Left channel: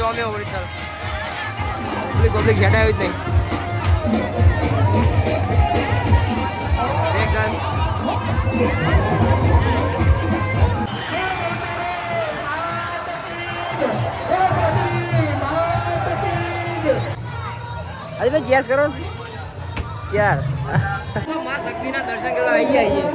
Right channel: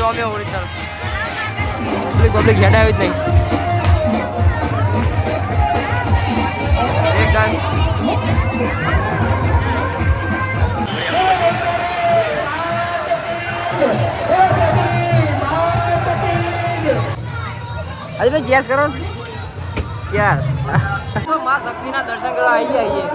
જોમ્યો original. Public public આવી જ નહીં. એક ડાન્સ અરે ભાઈ ચેસ કરો ચેસ તો માં શક્તિના દર્શન કરવા આવી જાય છીએ.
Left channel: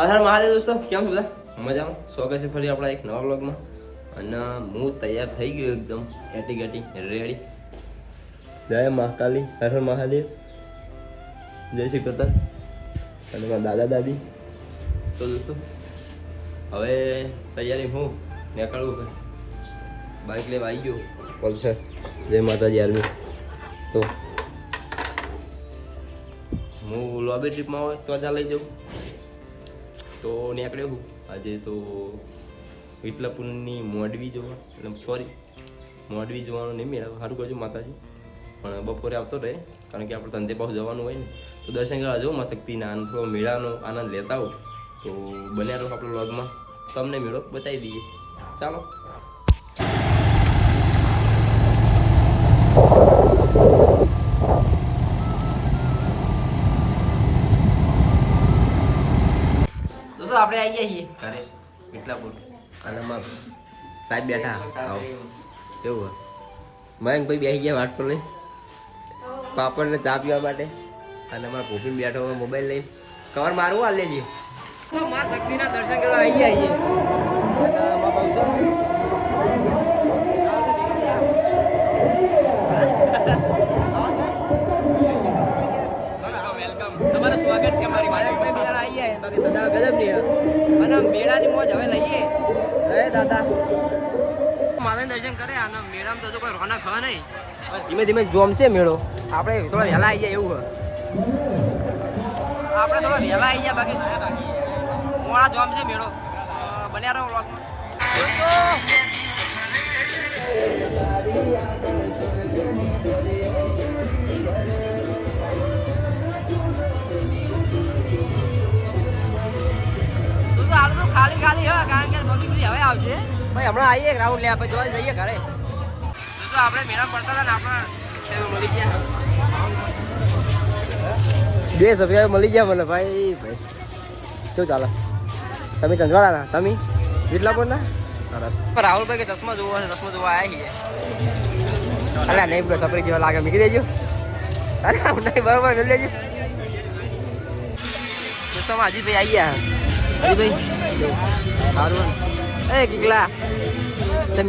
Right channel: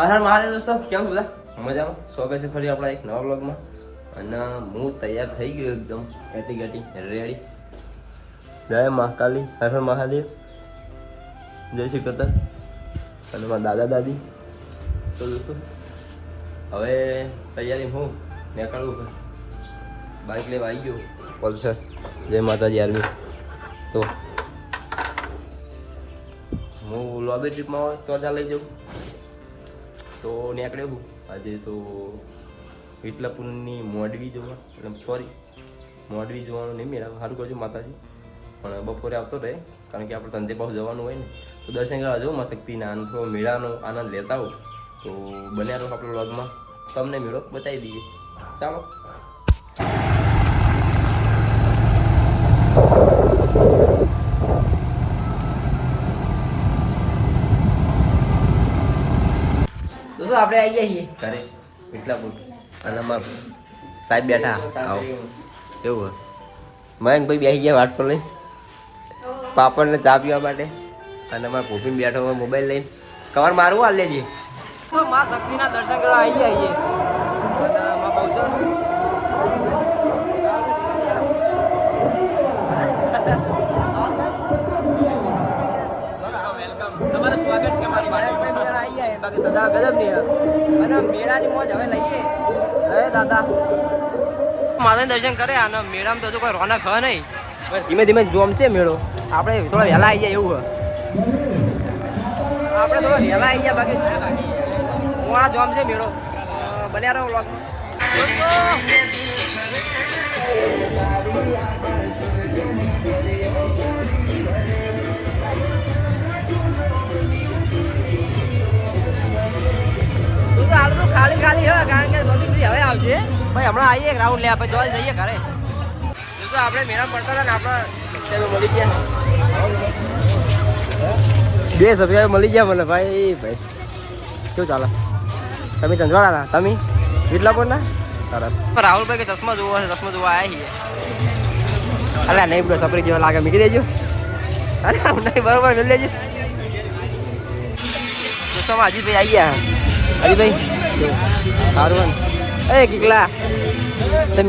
હા હા, મહાદેવ દોસ્તો, કેમ છો બધા? મજામાં? સ્વાગત છે ફરી આપણા એક નવા બ્લોગમાં અને હું તૈયાર થઈ ગયો એકદમ, ઘટી ઘટી રેડી જય મહાકાલી, હર હર મહાદેવ. જય શ્રી કૃષ્ણ. અને મારા દાદા દાદી. તો દોસ્તો, હવે તૈયારી હું નીકળવું બાઇક લેવા આવી ગયો. પલ્સર જય માતાજી આર્મી. તો હું લોબી ટ્રીપમાં હોય તો ત્યાં લઈ જાઉં. તો નીકળ્યો હું આજે તો વિટલાપુરની મોડવી જોવા, એટલે સોરી મોડવી જોવાનું નહીં મેળા સારું કરજો માતાજી. પણ બપોરે આવતો રહે, કારણ કે આપણે ધંધે પાસે જવાનું હોય ને, તો દર્શન કરવા જો માં શક્તિના આનંદ થોડો મેળાનો આનંદ લેતા હો તો બન્યા રહો આપણે વ્લોગમાં. તમને મેળો બતાવી દઈએ. ચાલો. તો આપણે આવી જઈએ. ઘરે બોલ. અને સાહેબ બેઠા. આવો. એવું મયંકભાઈ બેસી ગયા વાટ પર લઈ પાપડને ચા પીવા માટે. અને અમારા ભૂપીન બેઠો મોબાઈલ લઈને. કવાર મારવું હાલ લેજે તો માં શક્તિના દર્શન કરવા આવી ગયા છીએ તમારું સ્વાગત છે મારી મયંકભાઈ બી જરા આવી ગયા છે, બાકી અને મેળાની મોજ હવે લઈએ. હવે દાદા. દર્શન કરે અને મેળામાં તો કોઈ રોનક હ નહીં. ધીમે ધીમે જોમશે મેળો. આપણે થોડા વહેલા આવી જાય એવું હ આપણે થોડા વહેલા આવી જાય બાકી મોડા જોમશે મેળો. બન્યા રહો ભાઈ હમણાં આવીએ રાઉન્ડ લે આપણે જોઈ જઈએ ઘરે. તું આપણે મેળા પડતા હતા ને આપણા મળી ગયા. બે સભ્ય મળી ગયા મને ભાઈ ભાઈ. શું ચાલે? તમે ચંદવાળાના તમે? વિટલાપુરના સરસ. રાહુલભાઈ કે ચશ્મા જોવા છે ચશ્મા જોવા આવ્યા છીએ. અરે નહીં સફરી સપરી જેવા લાગે મૂકી દેજો અરે નહીં બરોબર મિલ લેજો દોસ્તોમાં અજીતભાઈ આવી ગયા. અજીતભાઈ સારું એ કિકલા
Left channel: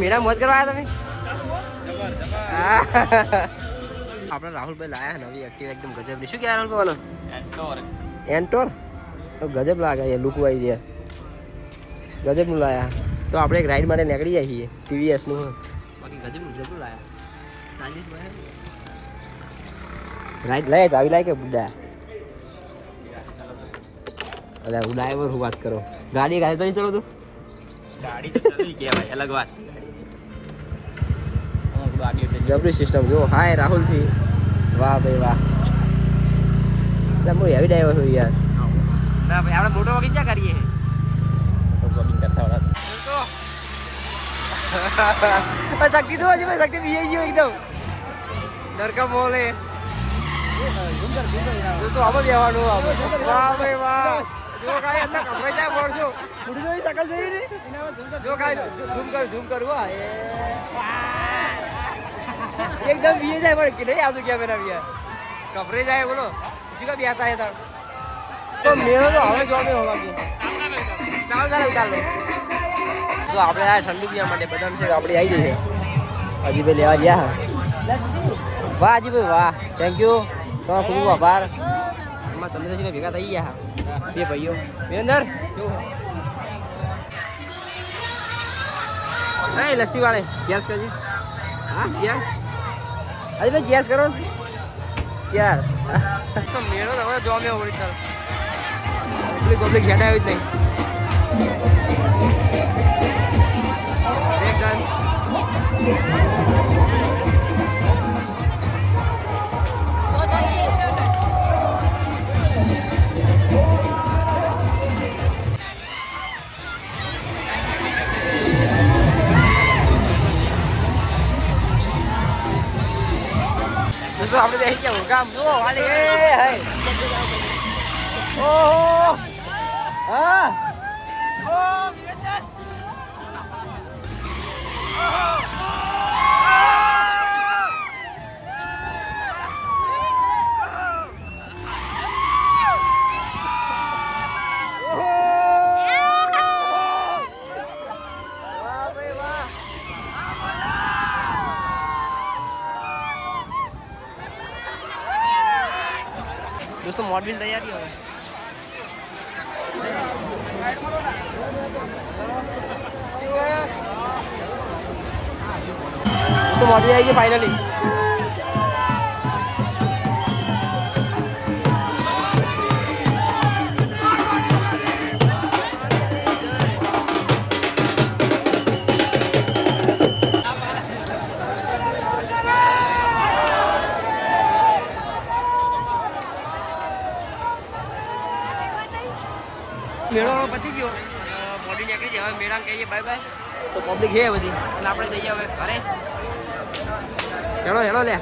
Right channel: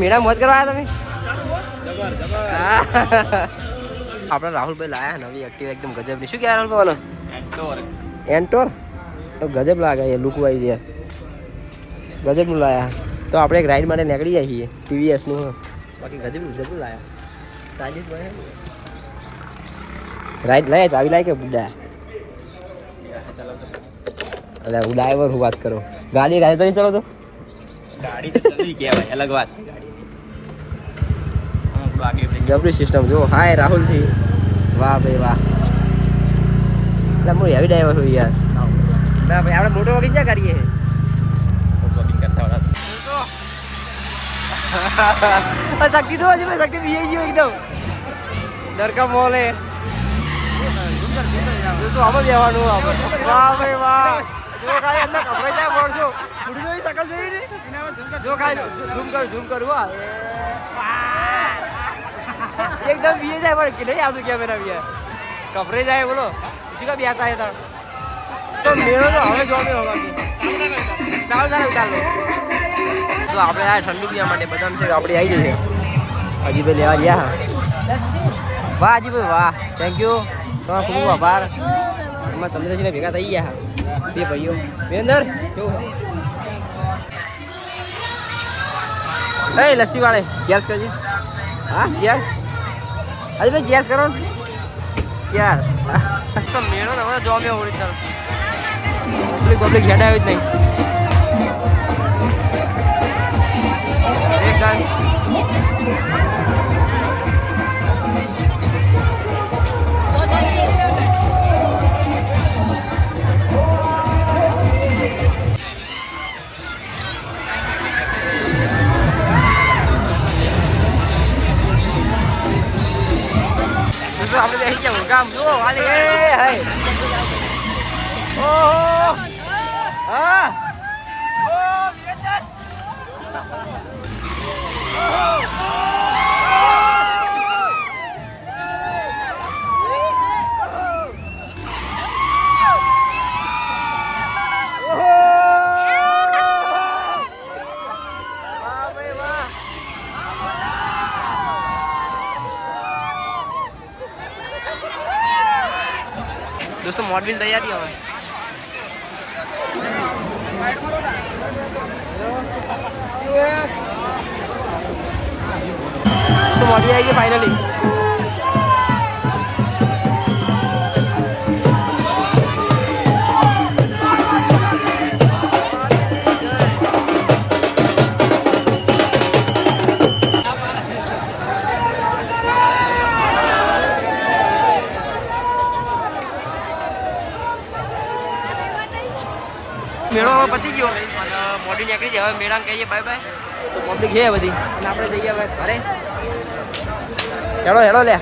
મીણા મોજ કરવા આવ્યા તમે? આપણે રાહુલભાઈ લાયા નવી એક્ટિવ એકદમ ગજબની શું કહેવાય રાહુલભાઈ એન્ટોર. તો ગજબ લાગે એ લુક વાઈ ગયા ગજબનું લાયા. તો આપણે એક રાઈડ માટે નીકળી જાય છીએ ટીવીએસનું બાકી ગજબનું ગજબનું લાયા. રાઈડ લાય ચાવી લાય કે બુડા એટલે હું ડ્રાઈવર હું વાત કરું. ગાડી ગાડી તો નહીં ચલો તો ગાડી તો ચલી કહેવાય અલગ વાત. જબરી સિસ્ટમ જો હાય રાહુલ સિંહ વાહ ભાઈ વાહ. એટલે હું હેવી ડ્રાઈવર છું યાર. ના ભાઈ આપણે મોટો વગી ક્યાં કરીએ. શક્તિ તો હજી શક્તિ પીએ ગયો એકદમ. ડરકા મોલે. જો તો આમાં બેવાનું આમાં. વાહ ભાઈ વાહ. જો કાંઈ અંદર કપડાં જાય મળશો ઉડી જોઈ શકલ જોઈ ને જો કાંઈ ઝૂમ કર ઝૂમ કર વાહ એકદમ બીએ જાય પણ કે નહીં આવતું કેમેરા બીએ કપરે જાય બોલો. શું કા બેતા હતા તો આપણે આ ઠંડુ પીવા માટે બદામ છે આપણે આવી જઈએ હજી ભાઈ લેવા ગયા. વાહ હજી વાહ. થેન્ક યુ તમારો ખૂબ આભાર. એમાં ચંદ્રસિંહ ભેગા થઈ ગયા. બે ભાઈઓ. બે અંદર. કેવું એ લસ્સી વાળે ચેસ કરજે. હા ચેસ અરે ભાઈ ચેસ કરો ચેસ તો મેળો હવે જોમ્યો પબ્લિક પબ્લિક હેડ આવ્યું જ નહીં. આગની તૈયારી હવે પતી ગયો. મોડી નીકળી જાય. હવે મેળાને કહીએ બાય બાય ઘે બધી. આપણે જઈએ હવે ઘરે. હેડો હેડો લે.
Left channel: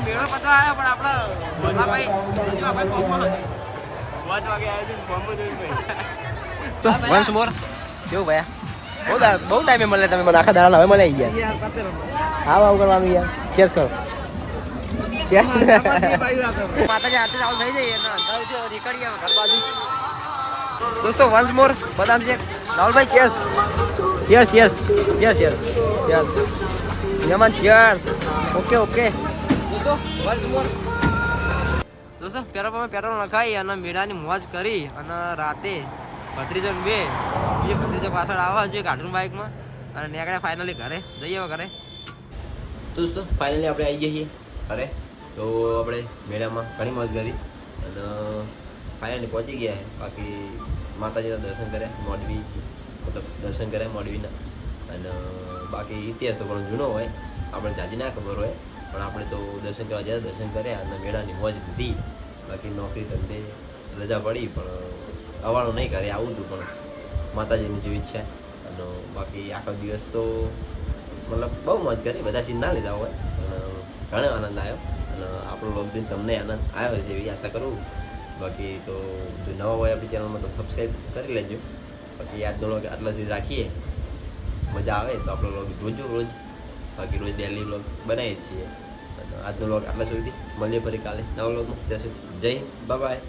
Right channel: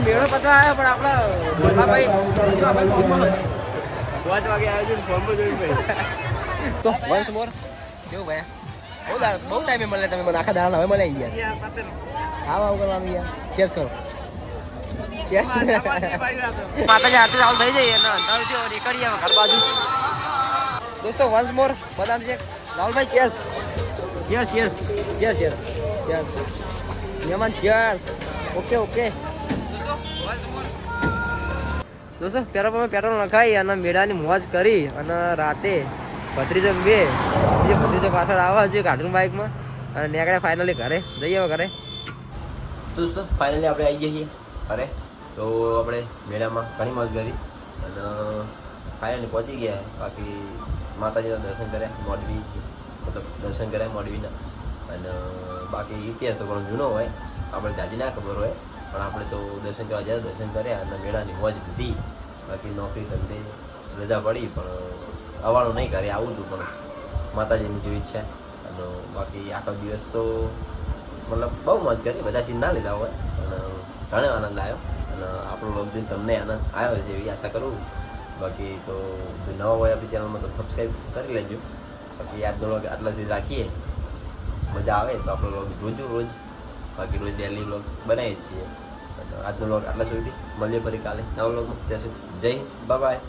મેળો પતવા આવ્યો પણ આપણા ભાઈ હજુ આપણે ફોર્મમાં પાંચ વાગે આવ્યા છે ફોર્મ પર જોઈ વંશ મોર કેવું ભાઈ બહુ ટાઈમે મળે તમે મને આખા દાડા હવે મળે ગયા હા આવું કરવાનું યાર કેસ કરો માતાજી આરતી ચાલુ થઈ જઈએ નીકળીએ ઘર બાજુ દોસ્તો વંશ મોર બદામ છે રાહુલભાઈ chess yes yes yes yes chess Yemen chess okay okay. દોસ્તો વંશ મોર દોસ્તો પેટ્રોલ પંપે પેટ્રોલ નખાઈ અને મેળાની મોજ કરી અને રાતે ભત્રીજો બે, બીજો ભત્રીજો પાછળ આવવા જોઈએ કાર્ટૂન બાઇકમાં અને નીકળ્યા ફાઇનલી ઘરે. જઈએ ઘરે. દોસ્તો ફાઇનલી આપણે આવી જઈએ ઘરે. તો આપણે મેળામાં ઘણી મોજ કરી અને ફાઇનલી પહોંચી ગયા બાકી માતાજીના દર્શન કર્યા મોડવી મતલબ દર્શન કર્યા મોડવીના અને બાકી ઇતિહાસ તો ઘણો જૂનો હોય, આપણે જાજી ના ખબર હોય, પણ આપણે તો દર્શન કરવા ગયા, દર્શન કર્યા અને મેળાની મોજ લીધી. બાકી નોકરી ધંધે રજા પડી, પણ અવાળું નહીં કરે આવું હતું, પણ માતાજીની જેવી ઈચ્છા. અને બાકી આખો દિવસ તો મતલબ બહુ મજ કરી, બધા સીન ના લીધા હોય અને ઘણો આનંદ આવ્યો. અને આપણો લોક તમને આનંદ આવ્યો છે એવી આશા કરું. બાકી તો જો નવા હોય આપણી ચેનલમાં તો સબસ્ક્રાઈબ કરી લેજો. બાકી દોડો કે આટલા સુધી રાખીએ. મજા આવે તો આપણો લોક જોજો રોજ. બાકી રોજ ડેલી લોક બનાવીએ છીએ. આજનો લોક આટલા સુધી. મળીએ ફરી કાલે નવા લોગમાં ત્યાં સુધી જય બાય